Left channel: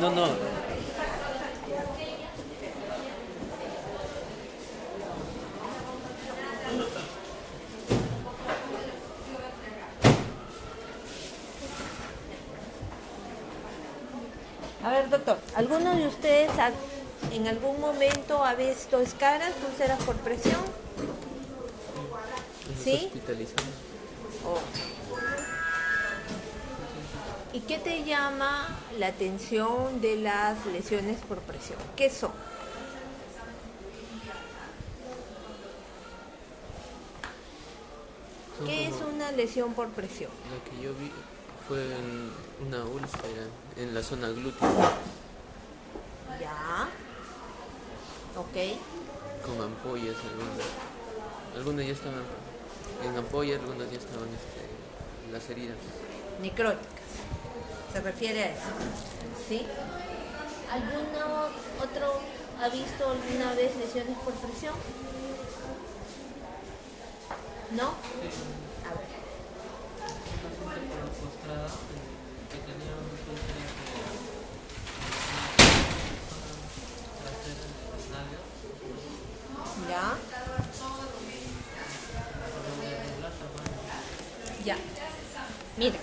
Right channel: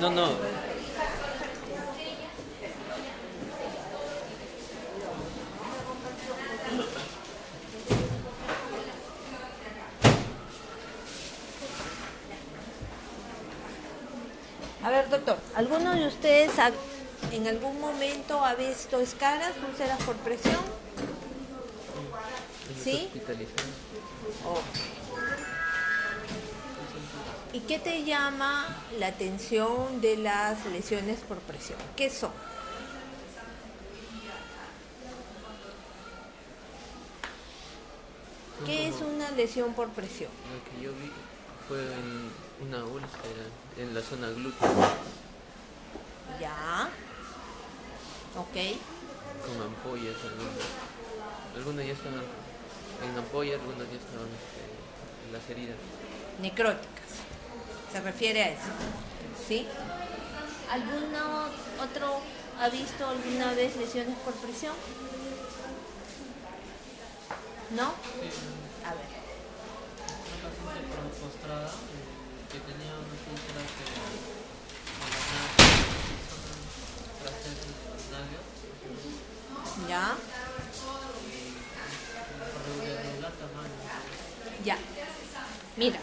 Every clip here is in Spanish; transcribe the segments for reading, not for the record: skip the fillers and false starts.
No, no. A ver, doctor, ¿alguno de ustedes en algún momento ha visto escaras, úlceras por presión? ¿Sí? Hospitalizado. Oh. ¿Y qué te llama la atención de las lesiones por presión? ¿Qué son? ¿Qué es una lesión por presión? Lo que yo vi fue en una úlcera en la zona glútea Ya. Ok. con ampollas algunas ya estaban en ampolla, algunas ya estaban en las heridas. Necróticas. Se refiere a eso. ¿Sí? ¿Alguno otro ha visto alguna vez lesiones por presión? ¿No? A ver. Una paciente postrada que tenía unas úlceras de las nalgas Ya. de la tamaño. Ya. Mira,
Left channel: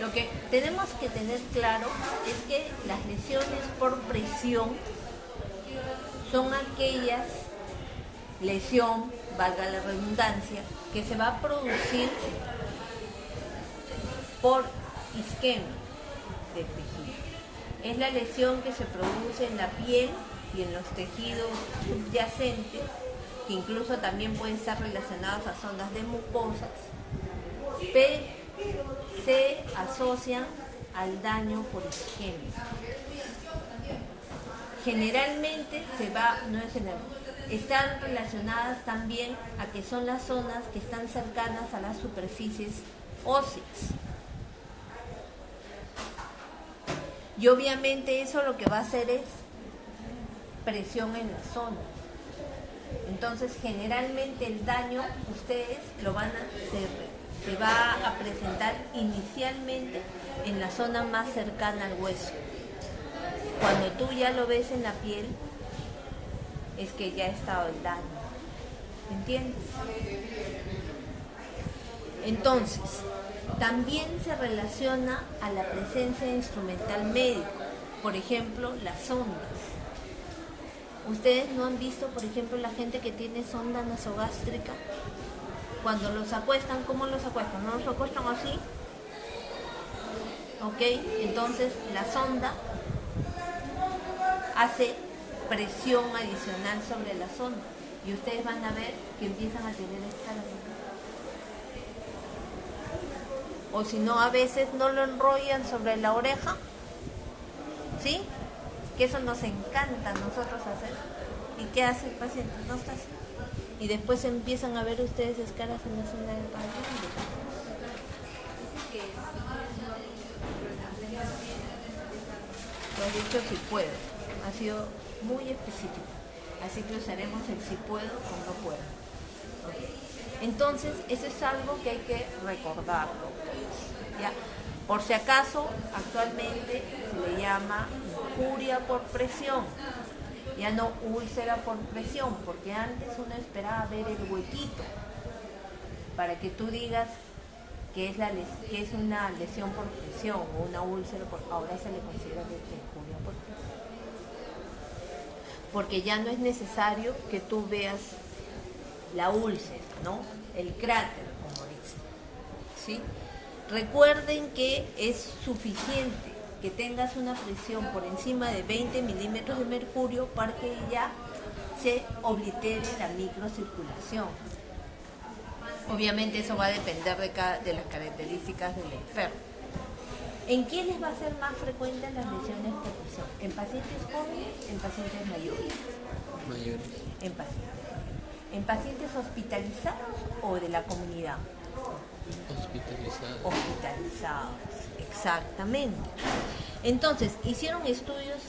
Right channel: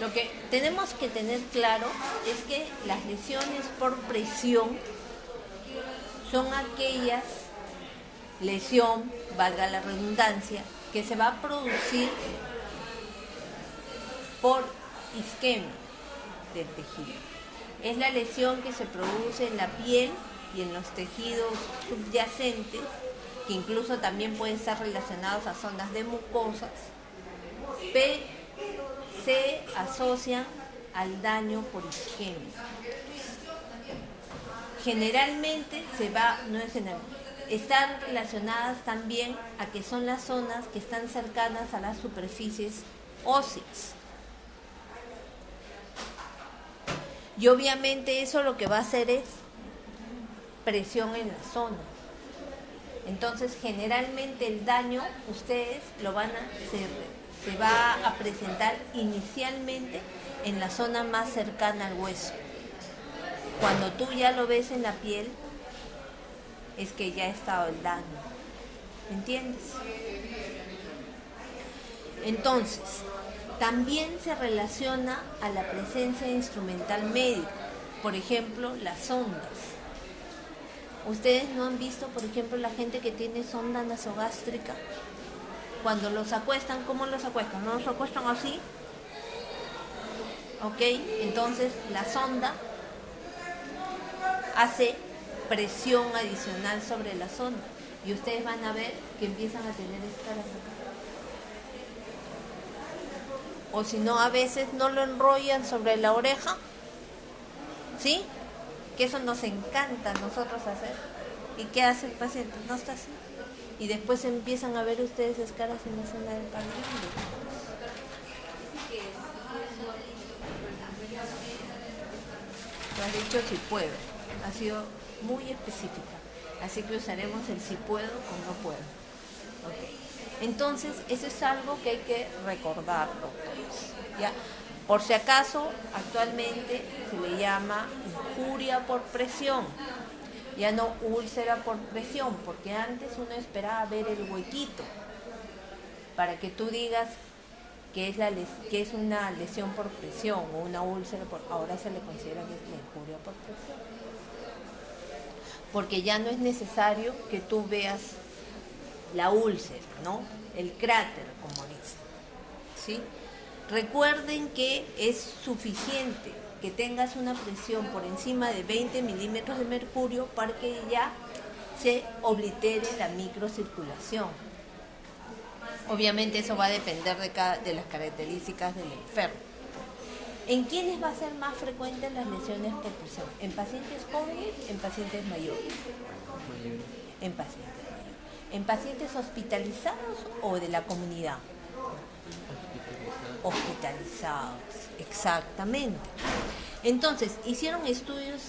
lo que tenemos que tener claro es que las lesiones por presión son aquellas lesión, valga la redundancia, que se va a producir por isquemia del tejido. Es la lesión que se produce en la piel y en los tejidos subyacentes, que incluso también pueden estar relacionados a zonas de mucosas, pero se asocian al daño por isquemia. Generalmente están relacionadas también a que son las zonas que están cercanas a las superficies óseas. Y obviamente eso lo que va a hacer es presión en la zona. Entonces generalmente el daño ustedes lo van a se va a presentar inicialmente en la zona más cercana al hueso. Cuando tú ya lo ves en la piel, es que ya ha estado el daño. ¿Entiendes? Entonces, también se relaciona a la presencia de instrumental médico, por ejemplo, las sondas. ¿Ustedes no han visto, por ejemplo, la gente que tiene sonda nasogástrica? Cuando los acuestan, ¿cómo los acuestan? ¿No los acuestan así? ¿Ok? Entonces, la sonda hace presión adicional sobre la sonda y ustedes van a ver que empiezan a tener escalas. O si no, a veces no lo enrollan sobre la oreja, ¿sí? Que eso nos encanta a nosotros hacer. ¿Y qué hace el paciente? No está así. Y después empiezan a ver ustedes escalas en la zona del pandible. Me has dicho si puedo. Ha sido muy específica. Así que usaremos el si puedo o no puedo. Okay. Entonces, eso es algo que hay que recordar. ¿Ya? Por si acaso, actualmente se le llama injuria por presión. Ya no úlcera por presión, porque antes uno esperaba ver el huequito para que tú digas que es una lesión por presión o una úlcera, ahora se le considera que es la injuria por presión. Porque ya no es necesario que tú veas la úlcera, ¿no? El cráter, como dicen. ¿Sí? Recuerden que es suficiente que tengas una presión por encima de 20 milímetros de mercurio para que ya se oblitere la microcirculación. Obviamente eso va a depender de las características del enfermo. ¿En quiénes va a ser más frecuentes las lesiones por presión? ¿En pacientes jóvenes? ¿En pacientes mayores? En pacientes mayores. ¿En pacientes hospitalizados o de la comunidad? Hospitalizados, exactamente. Entonces, hicieron estudios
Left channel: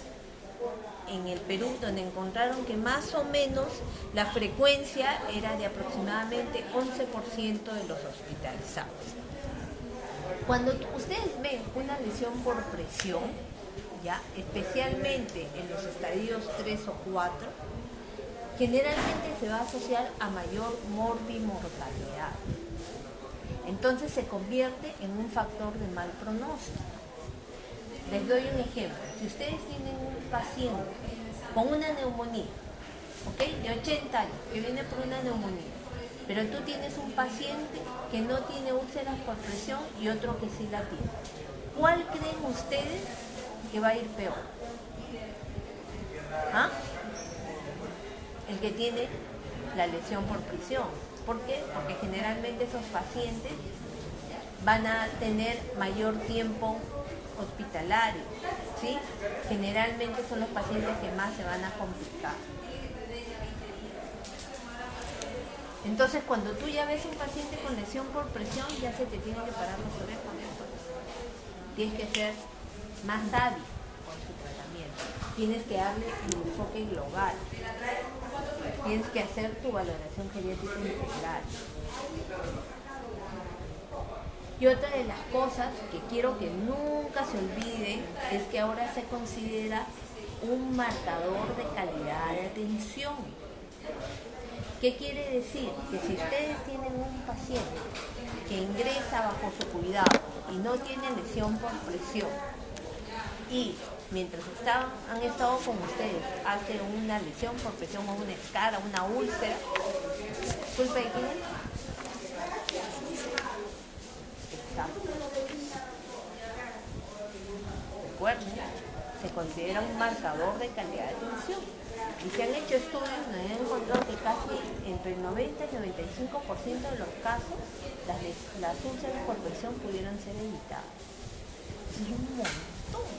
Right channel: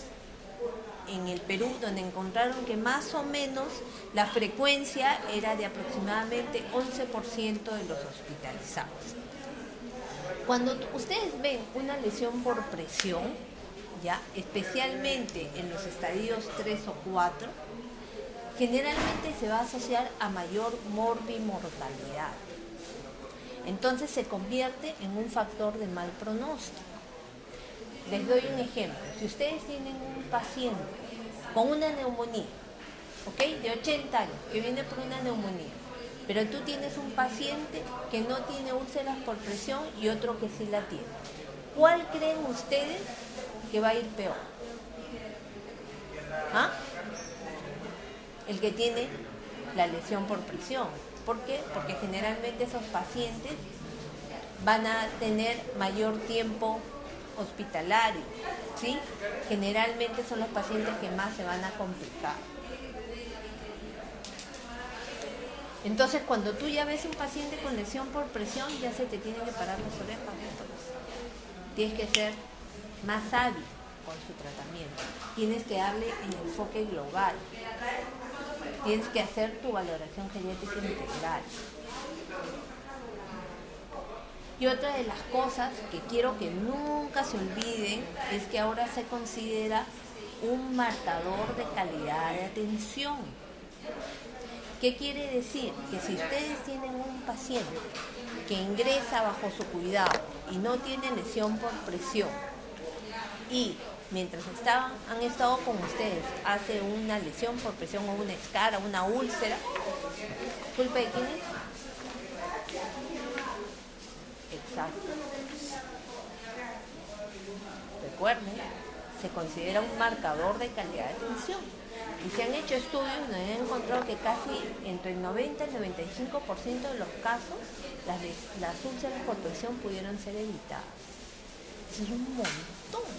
en el Perú donde encontraron que más o menos la frecuencia era de aproximadamente 11% de los hospitalizados. Cuando ustedes ven una lesión por presión, ¿ya? Especialmente en los estadios 3 o 4, generalmente se va a asociar a mayor morbimortalidad. Entonces se convierte en un factor de mal pronóstico. Les doy un ejemplo. Si ustedes tienen un paciente con una neumonía, ¿ok?, de 80 años, que viene por una neumonía, pero tú tienes un paciente que no tiene úlceras por presión y otro que sí la tiene, ¿cuál creen ustedes que va a ir peor? ¿Ah? El que tiene la lesión por presión. ¿Por qué? Porque generalmente esos pacientes van a tener mayor tiempo hospitalario, ¿sí? Generalmente son los pacientes que más se van a complicar. Entonces, cuando tú ya ves un paciente con lesión por presión, ya se te tienen que parar los orejas. Tienes que ser más hábil con su tratamiento. Tienes que darle en enfoque global. Tienes que hacer tu valoración genética integral. Y otra de las cosas que quiero que nunca se olviden es que ahora se considera un marcador de calidad de atención. ¿Qué quiere decir? Que si ustedes tienen un paciente que ingresa bajo su cuidado y no tiene lesión por presión y mientras han estado con ustedes hace una lesión por presión o una escara, una úlcera, ¿culpa de quién es? Exacto. Recuerden, se considera un marcador de calidad de atención. Y se han hecho estudios donde han encontrado que casi entre el 90 y el 95% de los casos las úlceras por presión pudieron ser evitadas. Eso es un montón.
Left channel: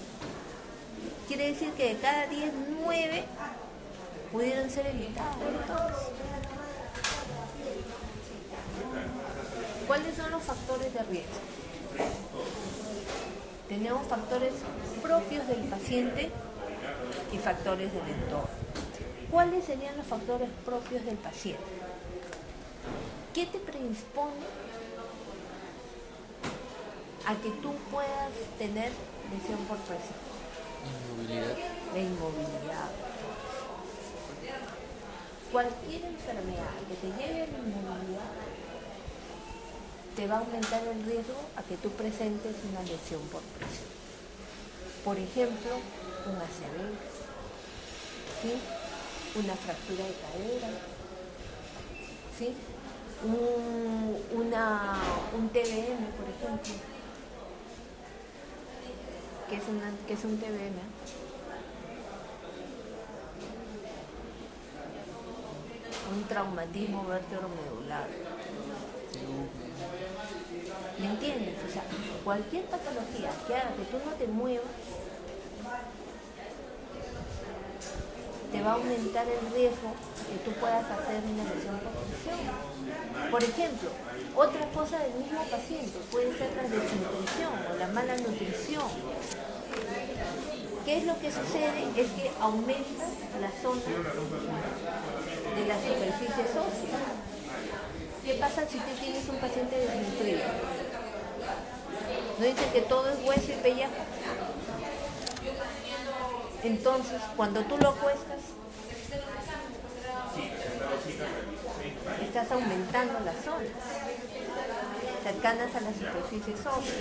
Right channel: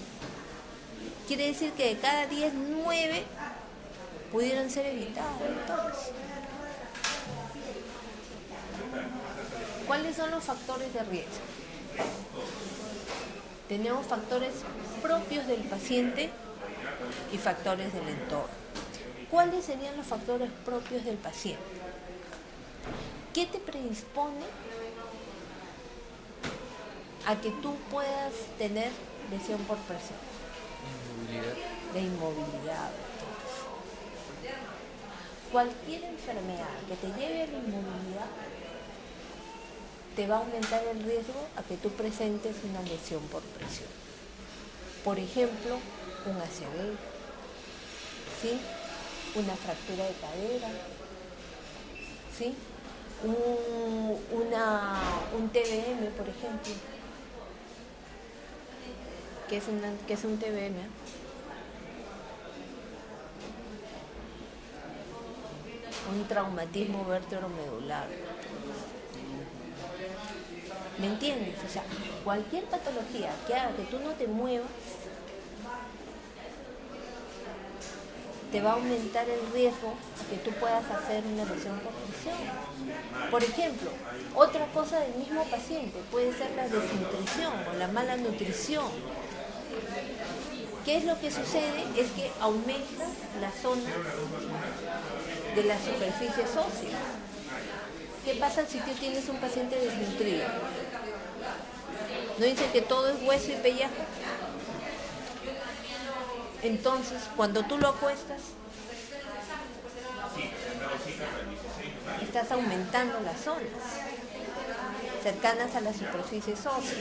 Quiere decir que de cada 10, 9 pudieron ser evitadas. Entonces, ¿cuáles son los factores de riesgo? Tenemos factores propios del paciente y factores del entorno. ¿Cuáles serían los factores propios del paciente? ¿Qué te predispone a que tú puedas tener lesión por presión? Inmovilidad. La inmovilidad. Cualquier enfermedad que te lleve a la inmovilidad te va a aumentar el riesgo a que tú presentes una lesión por presión. Por ejemplo, un ACV, ¿sí?, una fractura de cadera, ¿sí?, un TBM, por ejemplo. ¿Qué es un TBM? Un traumatismo vértebromedular. ¿Me entiendes? O sea, cualquier patología que haga que tú no te muevas te va a aumentar el riesgo que tú puedas hacer una lesión por presión. Por ejemplo, otra cosa del mismo paciente puede ser la desnutrición o la mala nutrición. ¿Qué es lo que sucede? Es que aumenta la zona de la superficie ósea. ¿Qué pasa si tú tienes un paciente desnutrido? ¿No dice que todo es hueso y pellejo? Entonces, cuando tú lo acuestas, estás aumentando las zonas cercanas a las superficies óseas.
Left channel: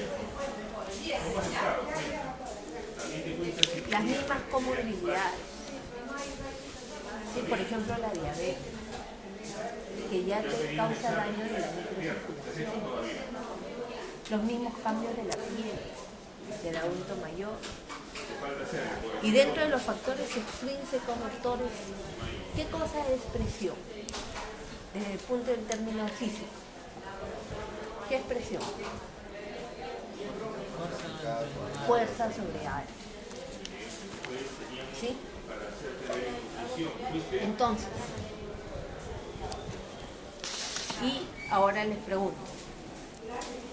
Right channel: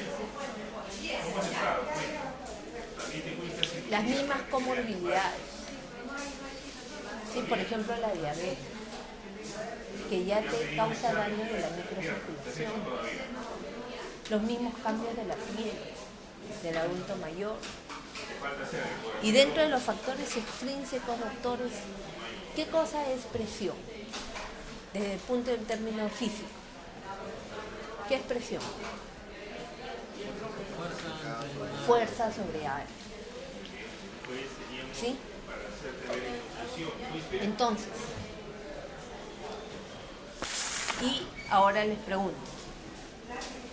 Las mismas comorbilidades. Sí, por ejemplo, la diabetes, que ya te causa daño de la microcirculación. Los mismos cambios de la piel del adulto mayor. Y dentro de los factores extrínsecos, doctores, ¿qué cosa es presión? Desde el punto de término físico. ¿Qué es presión? Fuerza sobre aire. ¿Sí? Entonces, y ahora les pregunto,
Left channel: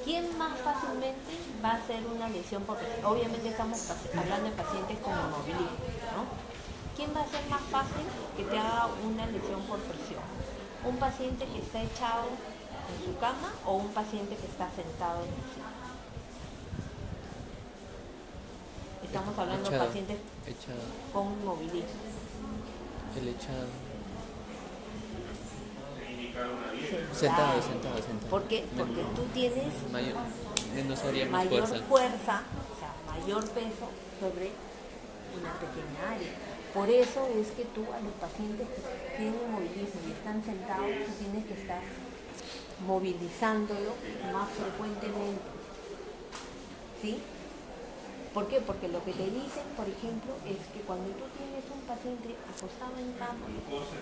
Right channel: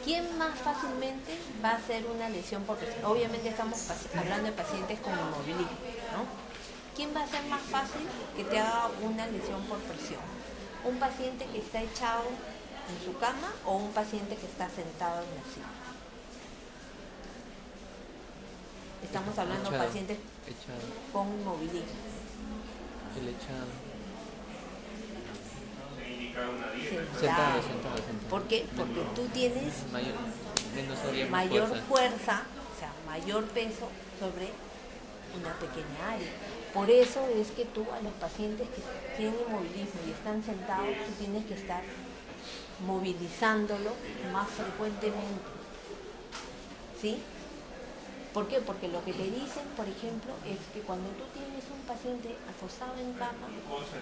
¿quién más fácilmente va a hacer una lesión por presión? Obviamente estamos hablando de pacientes con inmovilismo, ¿no? ¿Quién va a ser más fácil que te haga una lesión por presión? ¿Un paciente que está echado en su cama o un paciente que está sentado en la silla? estamos hablando de Echado. pacientes Echado. con inmovilismo. El echado. Sentado. Sentado. ¿Por qué? Porque tú tienes Menos área, más mayor fuerza. fuerza, o sea, mayor peso sobre una pequeña área. Por eso es que tú a los pacientes que tienen inmovilismo y están sentados, tú tienes que estar movilizándolo más frecuentemente. ¿Sí? ¿Por qué? Porque lo que te dicen, por ejemplo, es que cuando tú tienes un paciente acostado en cama,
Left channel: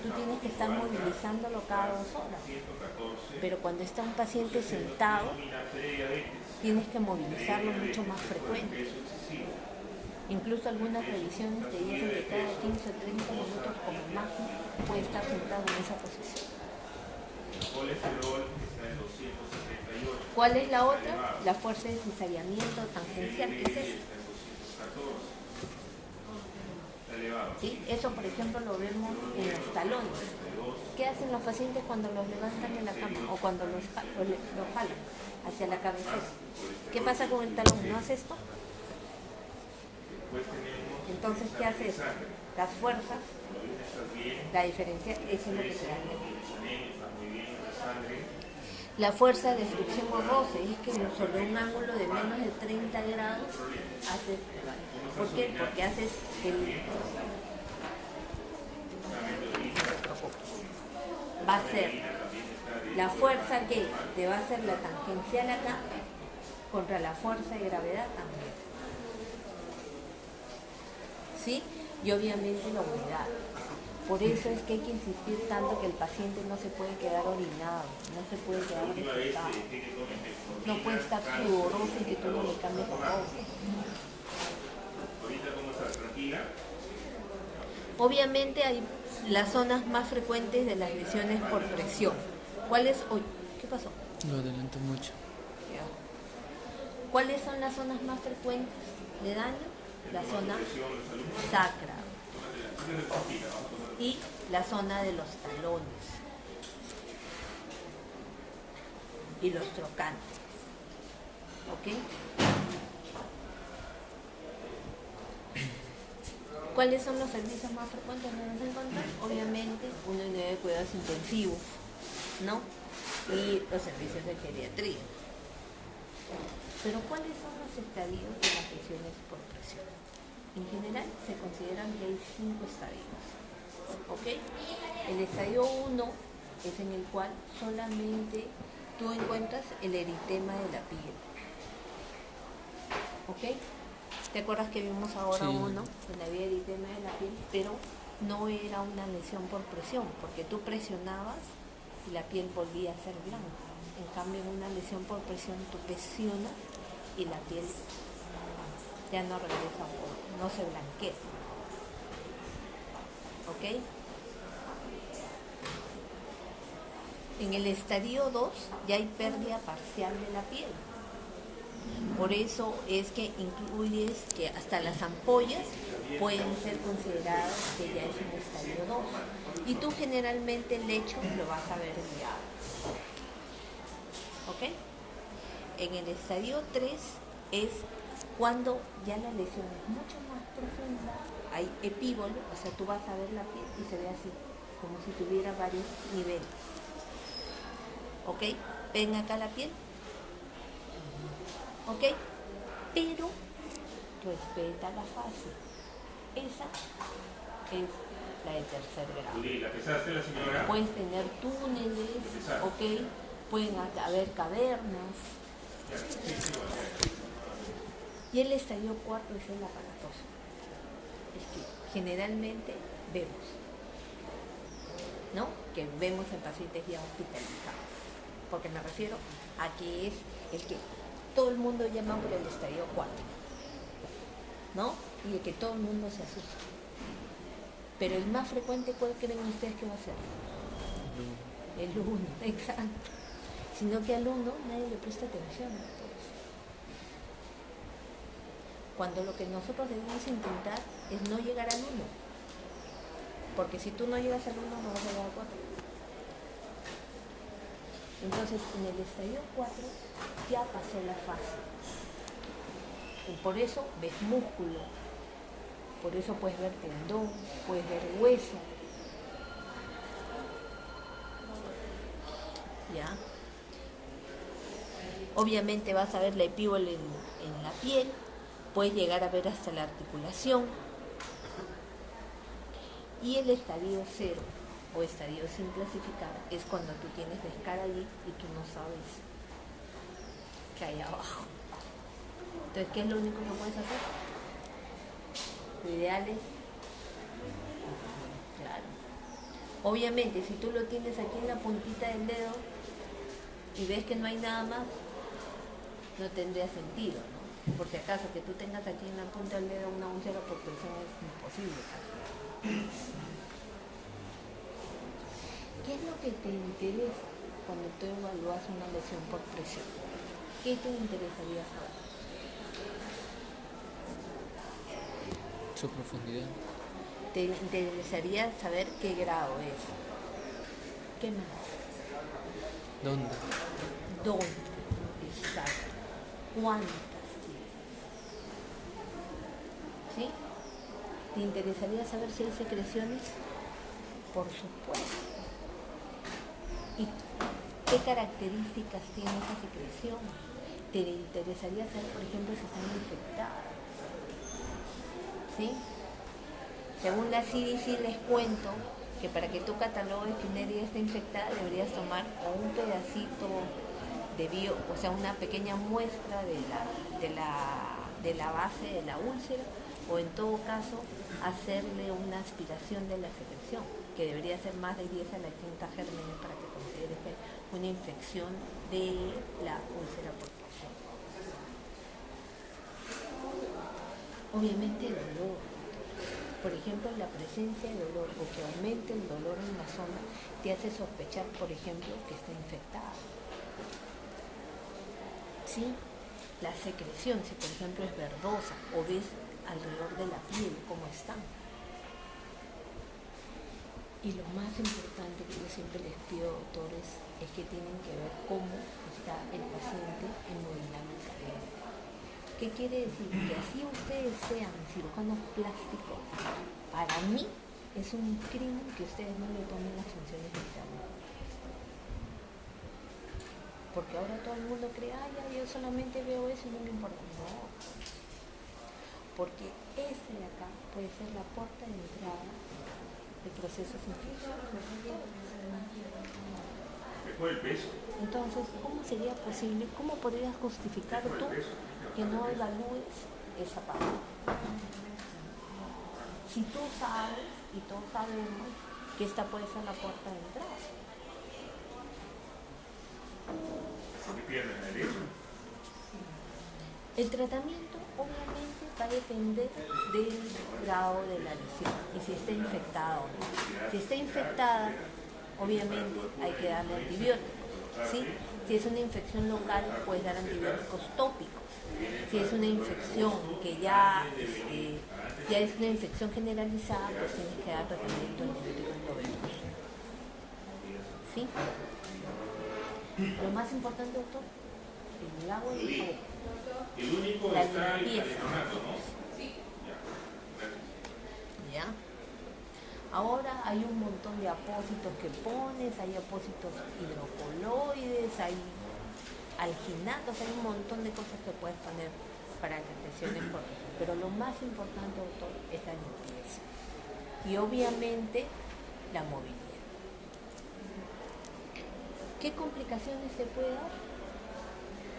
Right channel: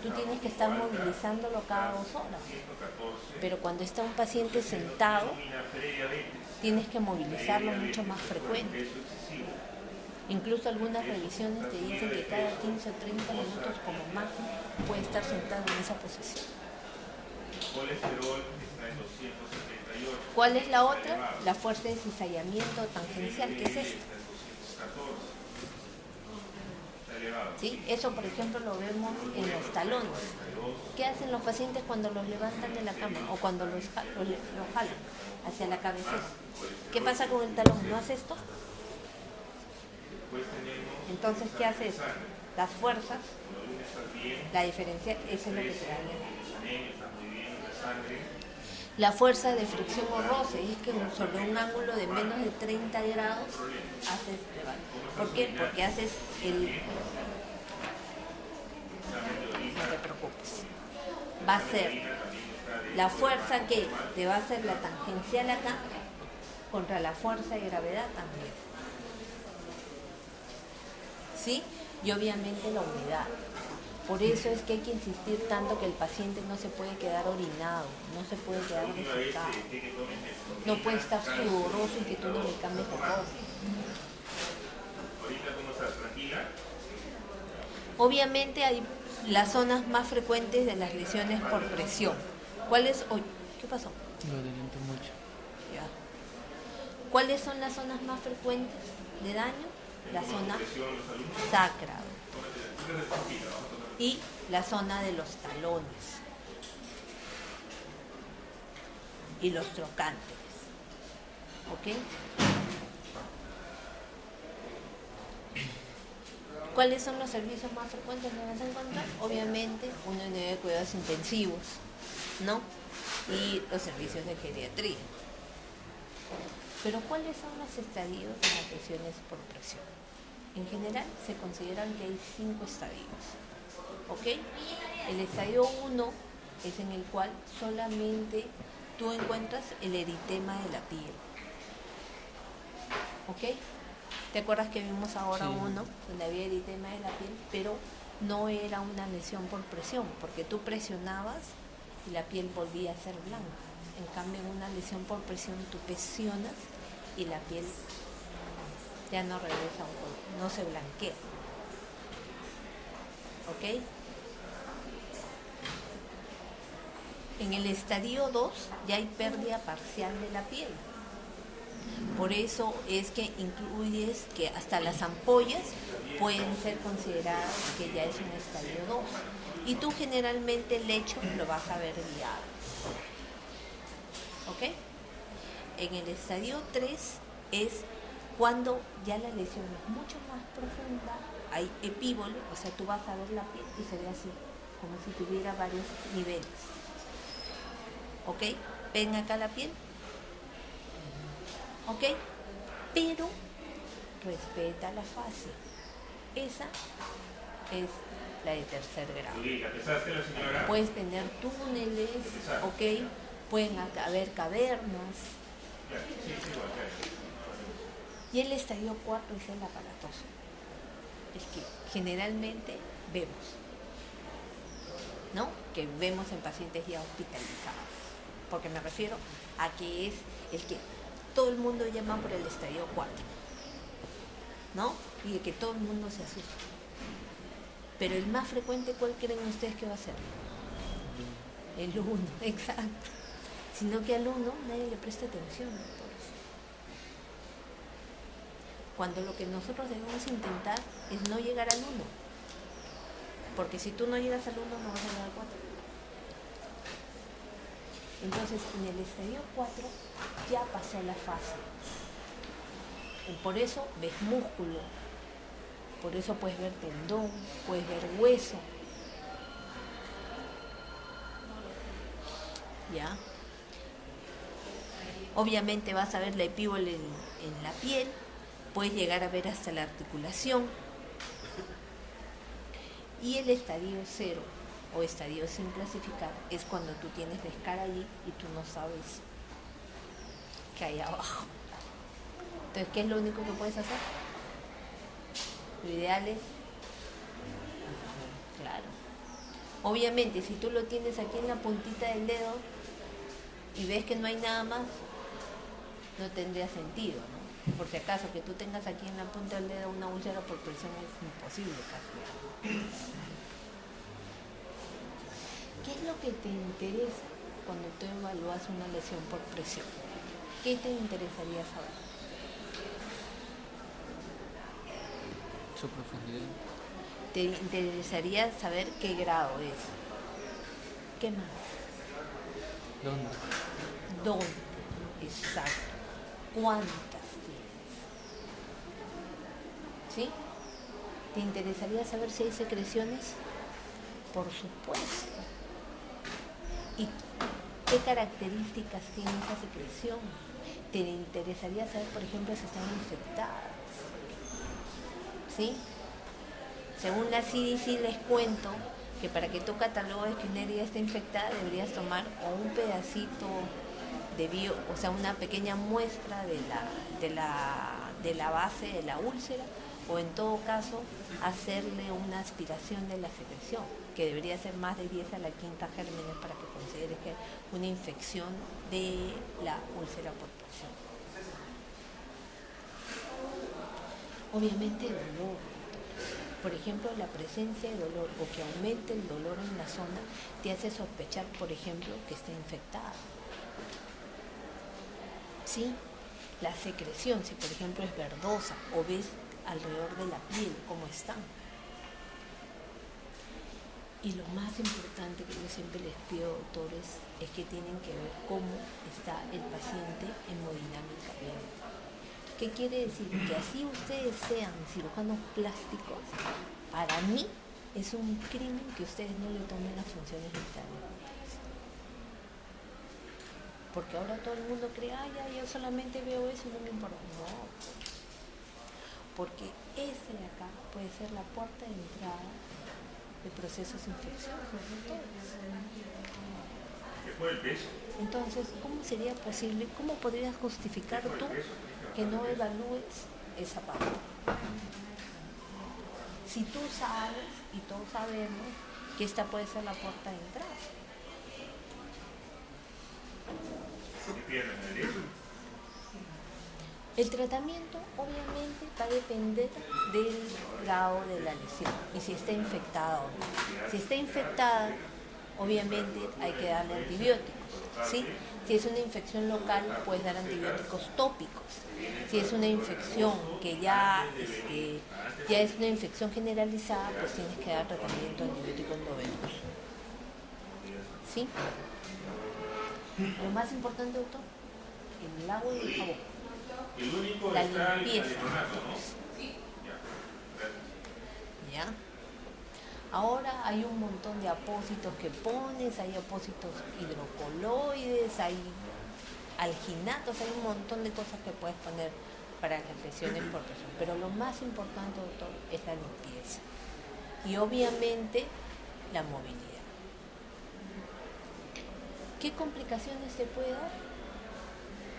tú tienes que estar movilizándolo cada 2 horas. Pero cuando está un paciente sentado, tienes que movilizarlo mucho más frecuente. Incluso algunas revisiones te dicen que cada 15 o 30 minutos como máximo puede estar sentado en esa posición. ¿Cuál es la otra? La fuerza de cizallamiento tangencial, que es esta. ¿Sí? Eso, por ejemplo, lo vemos en los talones. ¿Qué hacen los pacientes cuando los levantan de la cama o cuando los jalan hacia la cabecera? ¿Qué pasa con el talón? ¿No hace esto? Entonces, ¿qué hace esto? Las fuerzas, la diferencia, eso es lo que te da. La fuerza de fricción o roce es que sobre un ángulo de menos de 30 grados haces. ¿Por qué? Porque haces el. No te preocupes. Va a ser la fuerza que te va a hacer la tangencial acá contra la fuerza de gravedad también. ¿Sí? Y obviamente la humedad. Por eso es que hay que insistir tanto que el paciente no se puede quedar orinado, no se puede quedar defecado, no puede estar sudoroso y que tú no le cambies el agua. Obviamente hay las zonas más frecuentes de las lesiones por presión. ¿Cuáles? ¿Qué pasó? Lo adelanto mucho. Ya. ¿Cuáles son las zonas más frecuentes de daño? La zona sacra y la zona de los talones y los trocantes. ¿Ok? ¿Cuáles son los servicios más frecuentes que nos encontramos? Obviamente, una unidad de cuidados intensivos, ¿no? Y los servicios de geriatría. Pero ¿cuáles son los estadios de las lesiones por presión? En general se consideran que hay 5 estadios. ¿Ok? El estadio 1 es en el cual solamente tú encuentras el eritema de la piel. ¿Ok? ¿Te acuerdas que vimos ahora Sí. uno donde había eritema de la piel? Pero no era una lesión por presión, porque tú presionabas y la piel volvía a ser blanca. En cambio, en una lesión por presión tú presionas y la piel ya no regresa, no se blanquea. ¿Ok? En el estadio 2 ya hay pérdida parcial de la piel. Por eso es que incluyes que hasta las ampollas pueden ser consideradas que ya es un estadio 2. Y tú generalmente el hecho lo vas a ver guiado. ¿Ok? En el estadio 3 es cuando ya la lesión es mucho más profunda, hay epíbolo, o sea, tú vas a ver la piel y se ve así, como si tuviera varios niveles. ¿Ok? ¿Ven acá la piel? ¿Ok? Pero respeta la fase. Esa es la de tercer grado. Puedes tener túneles, ¿ok? Pueden haber cavernas. Y el estadio 4 es el aparatoso, el que generalmente vemos, ¿no? Que vemos en pacientes ya hospitalizados. Porque me refiero a que es el que todo el mundo llama por el estadio 4, ¿no? Y el que todo el mundo se asusta. Pero el más frecuente, ¿cuál creen ustedes que va a ser? El 1, exacto. Sino que al 1 nadie le presta atención. Por eso. Cuando lo que nosotros debemos intentar es no llegar al 1. Porque si tú no llegas al 1, no vas a llegar al 4. Entonces, en el estadio 4 ya pasó la fase. Y por eso ves músculo, Por eso puedes ver tendón, puedes ver hueso. ¿Ya? Obviamente vas a ver la epíbola en la piel, puedes llegar a ver hasta la articulación. Y el estadio 0 o estadio sin clasificar es cuando tú tienes la escara allí y tú no sabes qué hay abajo. Entonces, ¿qué es lo único que puedes hacer? Lo ideal es, claro. Obviamente, si tú lo tienes aquí en la puntita del dedo y ves que no hay nada más, no tendría sentido, ¿no? Por si acaso, que tú tengas aquí en la punta del dedo una úlcera por presión es imposible casi. ¿Qué es lo que te interesa cuando tú evalúas una lesión por presión? ¿Qué te interesaría saber? Su profundidad. Te interesaría saber qué grado es. ¿Qué más? ¿Dónde? ¿Dónde? Exacto. ¿Cuántas tienes? ¿Sí? ¿Te interesaría saber si hay secreciones? Por supuesto. ¿Y qué características tiene esa secreción? ¿Te interesaría saber, por ejemplo, si están infectadas? ¿Sí? Según la CDC les cuento que para que tú catalogues que una herida está infectada deberías tomar o un pedacito de o sea, una pequeña muestra de la base de la úlcera, o en todo caso hacerle una aspiración de la secreción, que debería ser más de 10 a la quinta gérmenes para que consideres que es una infección de la úlcera por presión. Obviamente el dolor. Por ejemplo, la presencia de dolor o que aumente el dolor en la zona te hace sospechar, por ejemplo, que está infectada. ¿Sí? La secreción, si por ejemplo es verdosa o ves alrededor de la piel cómo está. Y lo más importante que yo siempre les pido, doctores, es que tienen que ver cómo está el paciente hemodinámicamente. ¿Qué quiere decir? Que así ustedes sean cirujanos plásticos, para mí es un crimen que ustedes no le tomen las funciones vitales. Porque ahora todo el mundo cree, ya, yo solamente veo eso y no me importa. No. Porque este de acá puede ser la puerta de entrada de procesos infecciosos. Entonces, ¿cómo sería posible, cómo podrías justificar tú que no evalúes esa parte? Si tú sabes, y todos sabemos, que esta puede ser la puerta de entrada. El tratamiento obviamente va a depender del grado de la lesión y si está infectada o no. Si está infectada, obviamente hay que darle antibióticos, ¿sí? Si es una infección local, puedes dar antibióticos tópicos. Si es una infección que ya es una infección generalizada, pues tienes que dar tratamiento de antibióticos endovenoso. ¿Sí? Lo más importante, doctor, el lado del foco, la limpieza. ¿Ya? Ahora hay un montón de apósitos que pones, hay apósitos hidrocoloides, hay alginatos, hay un montón de cosas que puedes poner para las lesiones por presión. Pero lo más importante, doctor, es la limpieza. Y obviamente la movilidad. ¿Qué complicaciones se puede dar?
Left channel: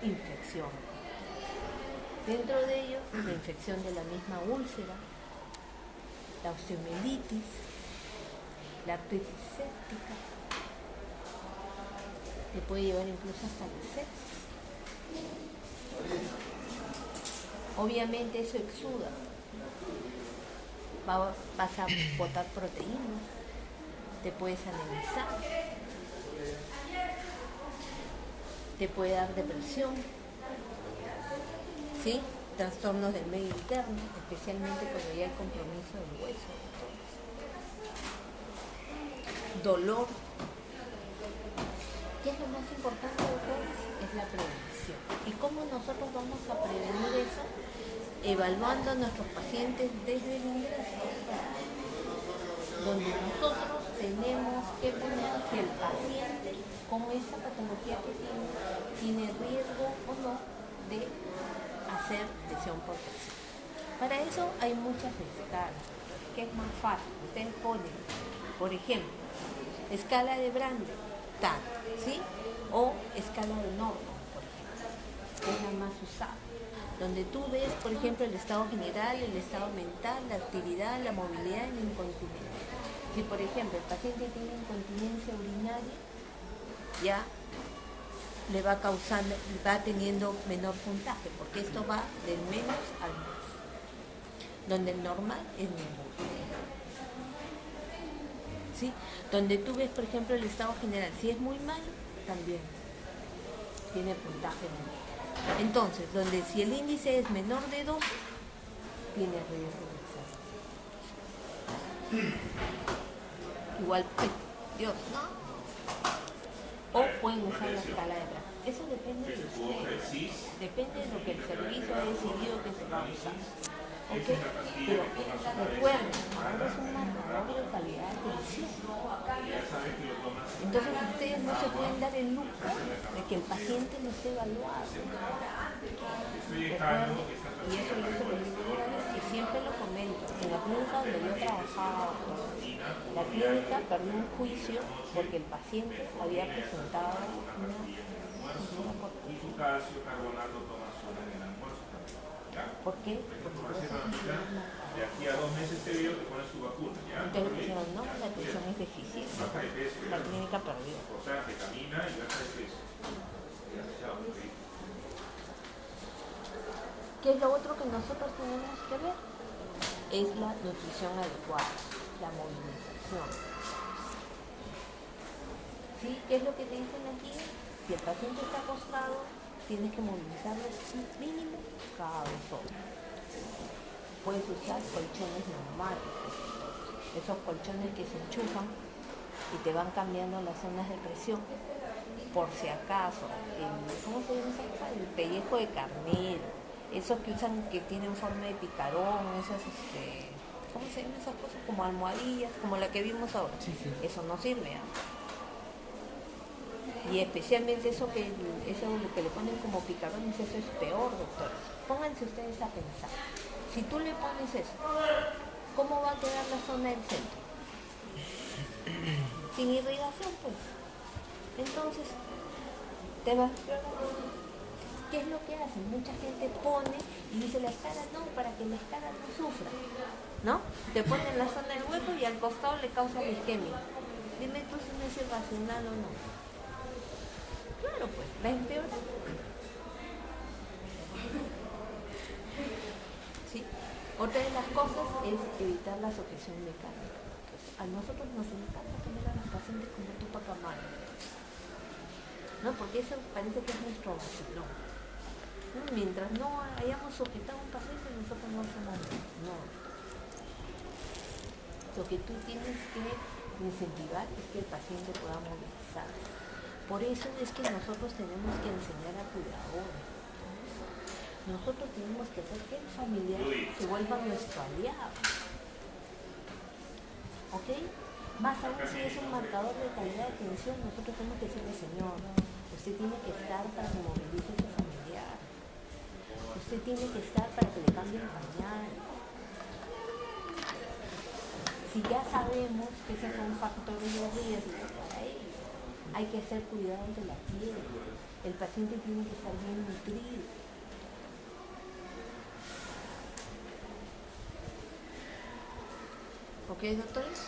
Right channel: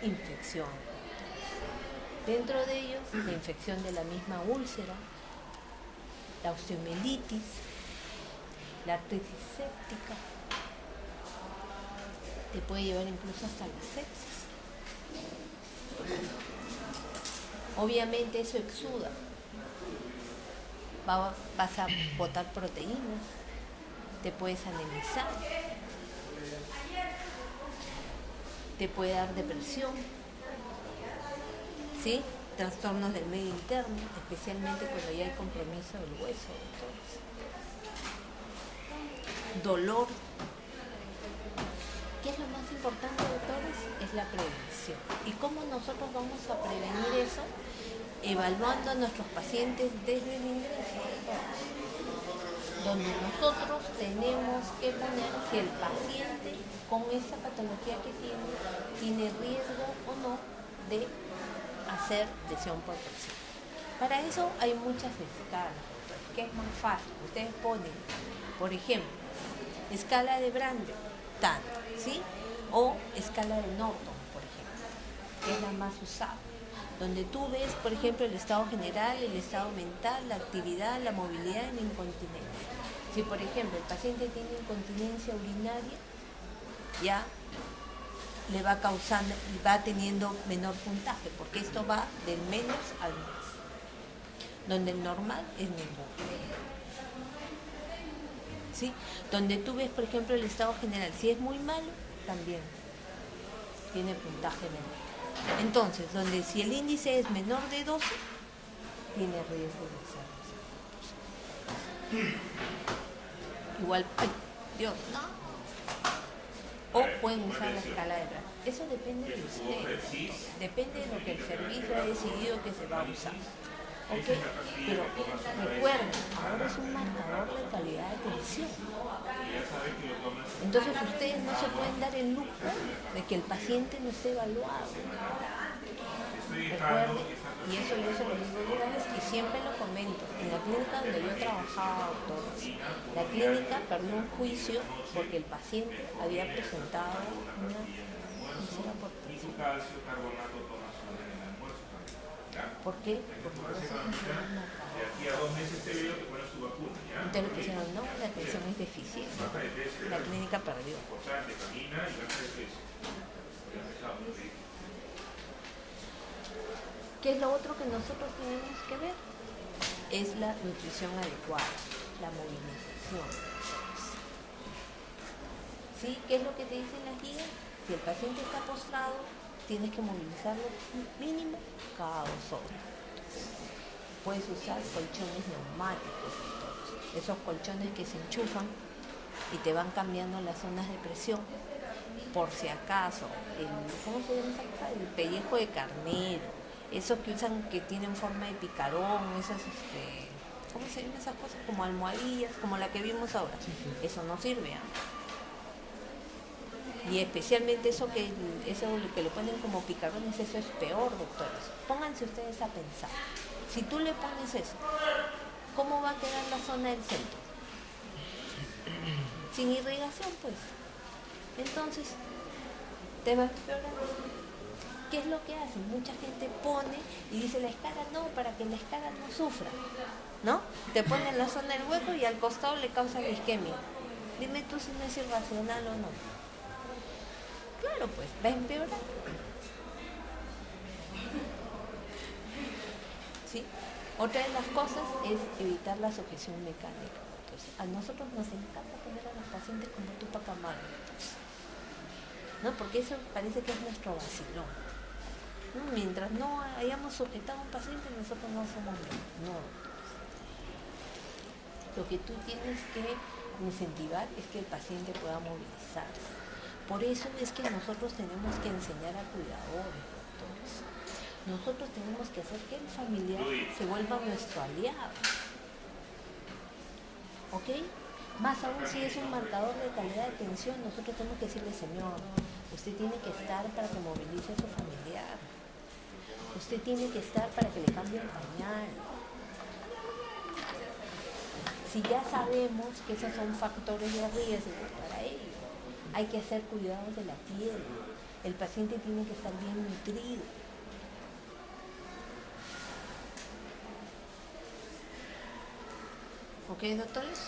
Infección. Dentro de ellos, la infección de la misma úlcera, la osteomielitis, la artritis séptica, te puede llevar incluso hasta la sepsis. Obviamente eso exuda. Vas a botar proteínas, te puedes anemizar, te puede dar depresión, ¿sí? Trastornos del medio interno, especialmente cuando ya hay compromiso del hueso. Dolor. ¿Qué es lo más importante, doctores? Es la prevención. ¿Y cómo nosotros vamos a prevenir eso? evaluando a nuestros pacientes desde el ingreso, donde nosotros tenemos que poner si el paciente con esa patología que tiene riesgo o no de hacer lesión por presión. Para eso hay muchas escalas, que es más fácil. Ustedes ponen, por ejemplo, escala de Brander, tal, ¿sí? O escala de Norton, por ejemplo, que es la más usada, donde tú ves, por ejemplo, el estado general, el estado mental, la actividad, la movilidad y la incontinencia. Si, por ejemplo, el paciente tiene incontinencia urinaria, ya le va causando, va teniendo menor puntaje, porque esto va del menos al más, donde el normal es menor. ¿Sí? Donde tú ves, por ejemplo, el estado general, si es muy malo, también tiene puntaje menor. Entonces, donde si el índice es menor de 2, tiene riesgo de exceso. Igual, Dios, ¿no? O pueden usar la escala de Brander. Eso depende de ustedes. Depende de lo que el servicio ha decidido que se va a usar. ¿Ok? Pero recuerden, ahora es un marcador de calidad de atención. Entonces ustedes no se pueden dar el lujo de que el paciente no esté evaluado. Recuerden, y eso yo se lo digo una vez y siempre lo comento, en la clínica donde yo trabajaba, la clínica perdió un juicio porque el paciente había presentado una lesión por presión. ¿Por qué? De aquí a 2 meses te digo, te pones tu vacuna, ¿ya? Ustedes le pusieron, no, la atención es deficiente. Baja de peso, La clínica perdió. o sea, que camina y baja de peso. Chao, ¿Qué es lo otro que nosotros tenemos que ver? Es la nutrición adecuada, la movilización. ¿Sí? ¿Qué es lo que te dicen aquí? Si el paciente está acostado, tienes que movilizarlo mínimo cada 2 horas. Puedes usar colchones neumáticos, esos colchones que se enchufan y te van cambiando las zonas de presión, por si acaso. ¿Cómo se llama esa cosa? El pellejo de carnero, esos que usan que tienen forma de picarón, esas, ¿cómo se llaman esas cosas? Como almohadillas, como la que vimos ahora. Eso no sirve, ¿eh? Y especialmente eso lo que le ponen como picarones, eso es peor, doctores. Pónganse ustedes a pensar. Si tú le pones eso, ¿cómo va a quedar la zona del centro? Sin irrigación, pues. Entonces, ¿qué es lo que hacen? Mucha gente pone y dice la escala no, para que la escala no sufra, ¿no? Te ponen la zona del hueco y al costado le causa la isquemia. Dime tú si no es irracional o no. Claro, pues, va a empeorar. ¿Sí? Otra de las cosas es evitar la sujeción mecánica. Entonces, a nosotros nos encanta poner a los pacientes como tu papá, ¿no? Porque eso parece que es nuestro vacilón. ¿No? Mientras no hayamos sujetado a un paciente, nosotros no somos nada. No. Lo que tú tienes que incentivar es que el paciente pueda movilizarse. Por eso es que nosotros tenemos que enseñar a cuidadores. Nosotros tenemos que hacer que el familiar se vuelva nuestro aliado. ¿Ok? Más aún si es un marcador de calidad de atención, nosotros tenemos que decirle, señor, usted tiene que estar para que movilice a su familiar. Usted tiene que estar para que le cambie el pañal. Si ya sabemos que esos son factores de riesgo para ello, hay que hacer cuidador de la piel. El paciente tiene que estar bien nutrido. ¿Ok, doctores?